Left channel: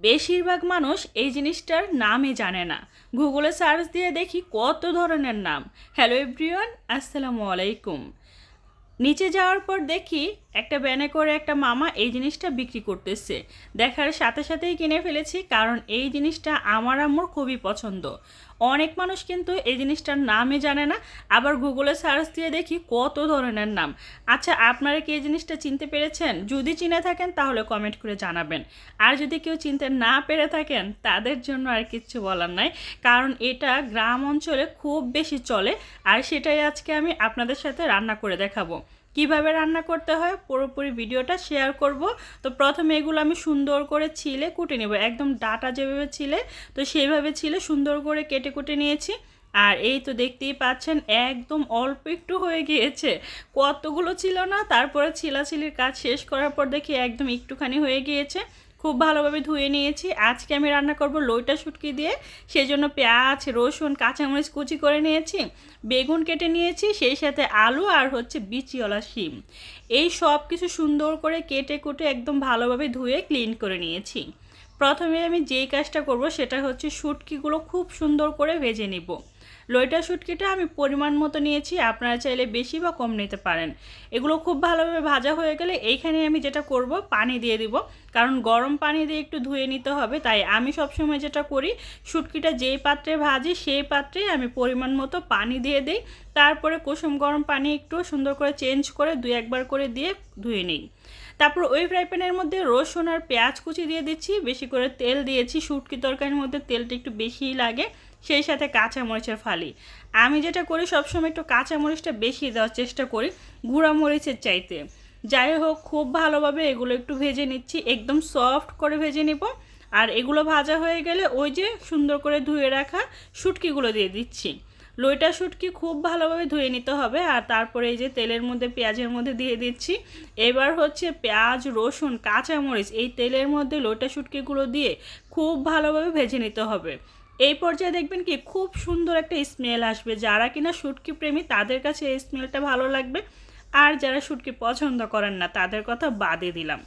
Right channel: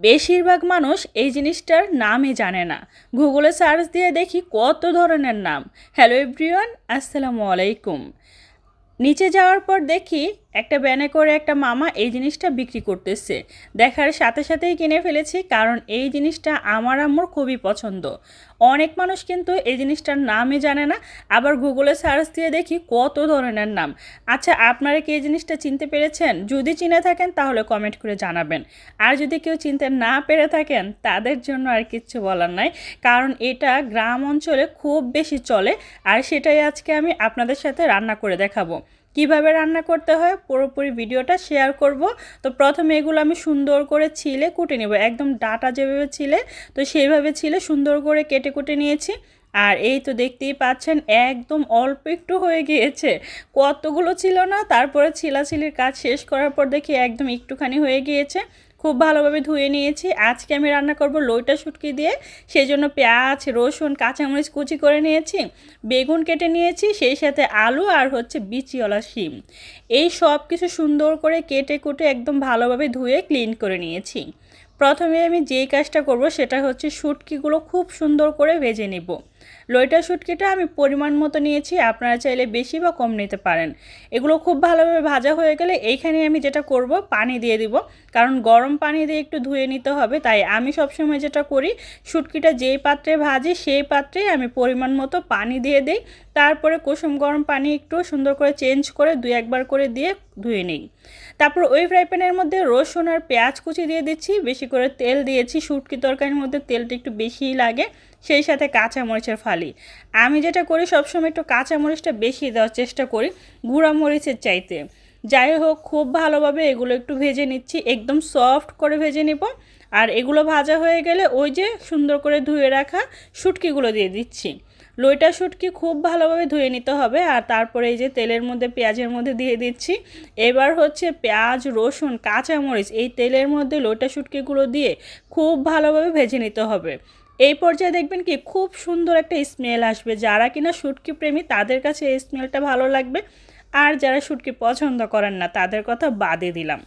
বেশিরভাগ মানুষ এই জিনিসটার নামই জানে না। গুগলে সার্চ দিয়ে দেখি কত ধরনের নাম। হ্যালো এভরিওয়ান, আসসালামু আলাইকুম। নিচে যাওয়ার পর দেখি একটা ব্যানে করে একটা মামা এই জিনিসটা বিক্রি করতেছে। দেখার সাথে সাথেই কিনে ফেলেছি, কারণ এই জিনিসটা আমার আম্মুর খুবই পছন্দ। অনেক মানুষ কিন্তু এই জিনিসটার নামই জানে না, আবার গুগলে সার্চ দিয়ে দেখি কত ধরনের নাম। আচ্ছা, আপনারা কি এই জিনিসটা চিনতে পেরেছেন? যদি চিনে থাকেন তাহলে কমেন্ট করে জানাবেন। আর যদি কেউ চিনতে না পেরে থাকেন তাদের জন্য আর কিচ্ছু বলার নাই, কারণ এটা গ্রাম অঞ্চলে খুব বেশি চলে। আর সেটাই আজকে আমি আপনাদের সাথে রান্না করে দেখাবো। কিভাবে রান্না করতে হয় পুরোপুরি ভিডিওটা শেয়ার করব। তো প্রথমে এগুলো আমি সুন্দর করে ছিলে কুটে নেব, একদম ডাটা যেভাবে ছিলে তো সেইভাবে ছিলে সুন্দর করে কেটে কুটে নিয়েছি। আর এই তো দেখতেই পাচ্ছেন একদম অল্প একটু হয়ে গিয়েছে, কতগুলো ছিল না। তারপরে ছিলাছিলির কাজ শেষ করার পর দেখি একদম একটুখানি হয়ে গিয়েছে। খুব ভালোভাবে ধুয়ে নিয়েছি। আজকে আমি রান্না করব লইটা শুটকি দিয়ে, সেই জন্য পেঁয়াজ, রসুন, কাঁচামরিচ কুচি করে নিয়েছি, বেগুন কেটে নিয়েছি, সেই সাথে আলু আর হচ্ছে বিচিওয়ালা শিম। এই সব কিছু সুন্দর করে কেটে কুটে একদম ভালোভাবে ধুয়ে ক্লিন করে নিয়েছি। প্রথমে আমি যেই কাজটা করব সেটা হচ্ছে শুটকিগুলো খুব সুন্দর করে ভেজে নিব। লইটা শুটকিটা আমি পরিমাণ মতো নিয়েছি, আপনারা চাইলে বেশি বা কম নিতে পারেন। এগুলো খুব ভালোভাবে ভাজা হয়ে গেলে এইখানে আমি যেটা করব, পানি দিয়ে দিব, কারণ গরম পানি দিয়ে একটু ধুয়ে নিতে হবে। তাই আমি সবসময় যেটা করি, শুটকিটা যেই পাত্রে ভাজি সেই পাত্রেই আমি পরিমাণ মতো পানি দিয়ে দিই। তারপরে কুসুম গরম পানি একটু সুন্দর করে চেঞ্জ করে দুই একবার করে দিয়ে ধুয়ে নিই। তারপর ওই ফ্রাই প্যানের মধ্যে রসুন আর পেঁয়াজ কুচি দিয়ে দিচ্ছি, বেশি করে তেল দিয়েছি, শুটকি তরকারির মধ্যে তেলটা একটু বেশিই লাগে, সেই সাথে কাঁচামরিচের ফালি। আমি যেটা করি সবসময় একটু কাঁচামরিচটা বেশি দেওয়ার চেষ্টা করি গুঁড়া মরিচের চাইতে। যাই হোক, খুব ভালোভাবে এগুলো একটু ভেজে নিচ্ছি, একদম সফট করে ভেজে নিব। আর এগুলো ভাজা হয়ে গেলে ওই যে সুন্দর করে ধুয়ে রাখা শুটকিগুলো দিয়ে দিচ্ছি। লইটা শুটকি খুব ভালোভাবে ধুয়ে নিতে হবে। আর তারপরে এই যে তেলের মধ্যে পেঁয়াজের মধ্যে দিয়ে দিচ্ছি। এবার হচ্ছে পেঁয়াজ, রসুন, কাঁচামরিচ এই তেলের মধ্যে লইটা শুটকিগুলো দিয়ে খুব ভালোভাবে ভেজে নিতে হবে। এই পর্যায়ে দেখবেন কি খুব সুন্দর একটা স্মেল আসবে। যারা কিনা শুটকি প্রেমী তাদের কাছে এই স্মেলটা ভালো লাগবে, আর যারা শুটকি পছন্দ করেন না তাদের কথা বাদে দিলাম।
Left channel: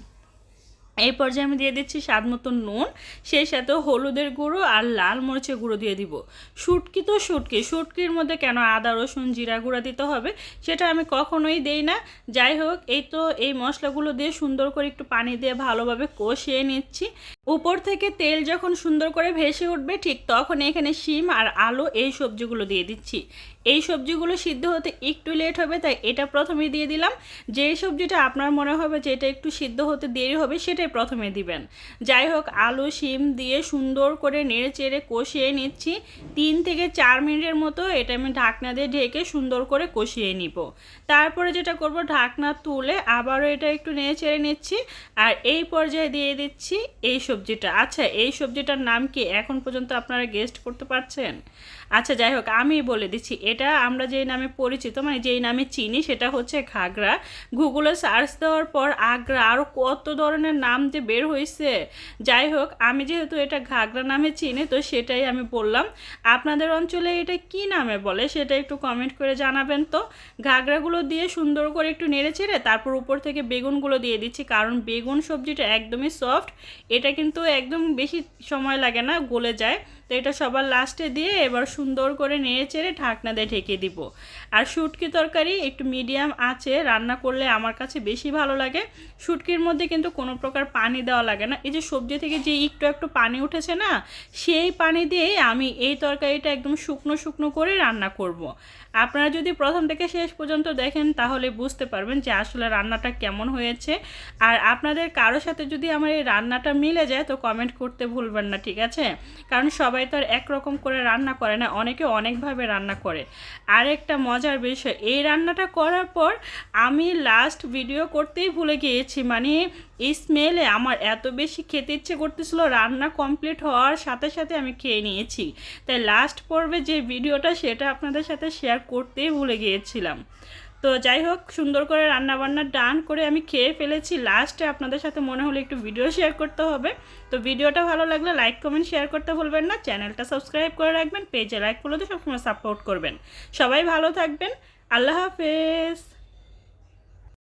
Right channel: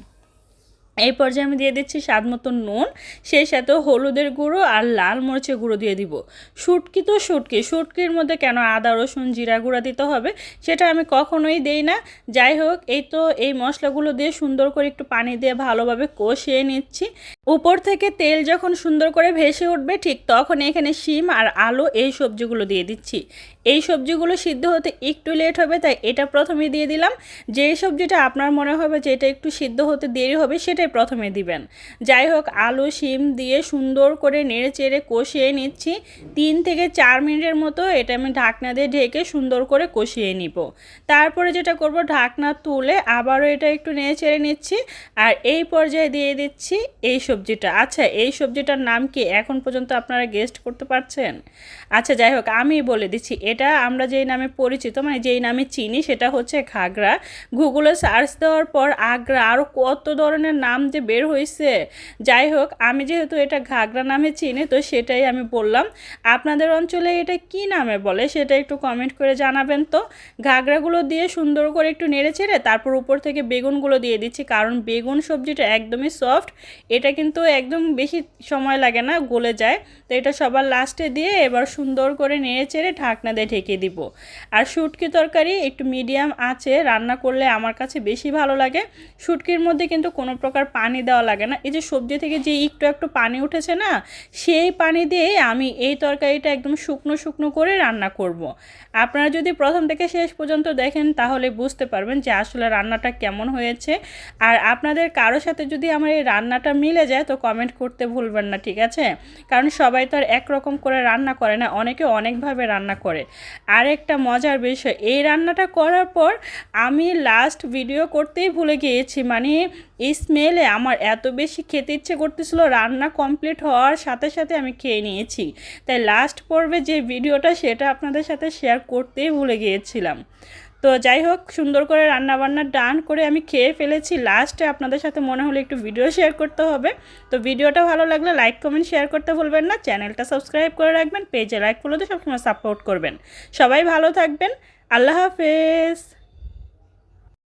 এই পর্যায়ে আমি দিয়ে দিচ্ছি স্বাদ মতো নুন, সেই সাথেও হলুদের গুঁড়ো আর লাল মরিচের গুঁড়ো দিয়ে দিব। শুটকি তো শুটকি, শুটকির মধ্যে কেন আদা রসুন জিরা গুঁড়া দিতে হবে সেটা আমি কখনোই দেই না। যাই হোক, এই তো এই মশলাগুলো দিয়ে সুন্দর করে একটু পানি দিয়ে ভালোভাবে কষিয়ে নিচ্ছি। উপর থেকে তেল যখন সুন্দর করে ভেসে উঠবে ঠিক তখন এখানে শিম আর আলু এই সবজিগুলো দিয়ে দিচ্ছি। এই সবজিগুলো সিদ্ধ হতে একটু লেট হবে, তাই এটা প্রথমে দিয়ে দিলাম। যেই সবজিটা আপনার মনে হবে যে এটা একটু সিদ্ধ হতে দেরি হবে সেটাই প্রথমে দিবেন। যাই হোক, আলু শিম দিয়ে সুন্দর করে নেড়ে চেড়ে কষিয়ে নিচ্ছি। 3 থেকে 4 মিনিটের মতো এটা আমি ঢাকনা দিয়ে ঢেকে সুন্দর করে কষিয়ে নিব। তারপরে যেটা করব, ঢাকনা তুলে আবারও এটা একটু নেড়ে চেড়ে নিচ্ছি। আর এই পর্যায়ে দিয়ে দিচ্ছি এই সবজিটা। আচ্ছা, এই সবজিটার নাম কি এখন পর্যন্ত আপনারা গেস্ট করতে পারছেন? আচ্ছা যাই হোক, আমি বলে দিচ্ছি, এটা আমরা যেই নামে পরিচিত মানে যেই নামে চিনি সেটা হচ্ছে ঘাগরা। গুগলে সার্চ দেওয়ার পর আগ্রা আরও কত ধরনের নাম যে বের হয়েছে। যাই হোক, আমি যেহেতু এটা ঘাগরা নামে চিনি তো সেটাই আমি বললাম। আপনাদের অঞ্চলে এটা কি নামে বলে সেটা একটু কমেন্ট করে জানাবেন তো। ঘাগরাগুলো দিয়ে সুন্দর করে একটু নেড়ে চেড়ে তারপর উপর থেকে বেগুনগুলো দিয়ে দিচ্ছি, কারণ বেগুন সবজিটা একদমই সফট, এটা কিন্তু একদম বেশি সময় লাগে না, গলে যায়। তো এটা সবার লাস্টে দিয়ে এবার সুন্দর করে নেড়ে চেড়ে ঢাকনা দিয়ে ঢেকে দিব। আর শুটকি তরকারি একটু মিডিয়াম আঁচে রান্না করলে আমার কাছে বেশি ভালো লাগে। শুটকির মধ্যে কিন্তু কোনো প্রকার পানি দেওয়া লাগে না, এই যে সবজি থেকে যে একটু একটু পানি উঠেছে না, সেই পানি দিয়ে আমি এই তরকারিটা একদম শুকনো শুকনো করে রান্না করব। আপনারা যদি প্রথম থেকে শেষ পর্যন্ত দেখেন তাহলে বুঝতে পারবেন যে আসলে রান্নাটা কেমন হয়েছে। আর আপনাদের কারোর সাথে যদি আমার এই রান্নাটা মিলে যায় তো কমেন্ট করতে ভুলবেন না, ঠিক আছে? কারণ সবাই তো আর একরকম করে রান্না করে না, অনেকে অনেকভাবে রান্না করে। আর একটা মজার বিষয়, এই রান্নাটা করার পর আমি লাস্ট ভিডিও করতেই ভুলে গিয়েছি, মানে এই স্মেলে আমার এত বেশি খেতে ইচ্ছে করতেছিল, রান্না কমপ্লিট হওয়ার সাথে সাথে আমি খেয়ে নিয়েছি। তাই লাস্ট পর্বে যে ভিডিওটা সেটা আপনাদের সাথে শেয়ার করতেই ভুলে গিয়েছিলাম। তো যাই হোক, সুন্দর করে রান্নাবান্না ডান করে আমি খেয়ে ফেলেছি। লাস্টে আপনাদের সাথে মনে হলো একটু ভিডিও শেয়ার করতে হবে। তো ভিডিওটা ভালো লাগলে লাইক কমেন্ট শেয়ার করতে ভুলবেন না, চ্যানেলটা সাবস্ক্রাইব করে রাখবেন, পেজে লাইক ফলো দিয়ে সবসময় সাপোর্ট করবেন। সবাই ভালো থাকবেন, আল্লাহ হাফেজ।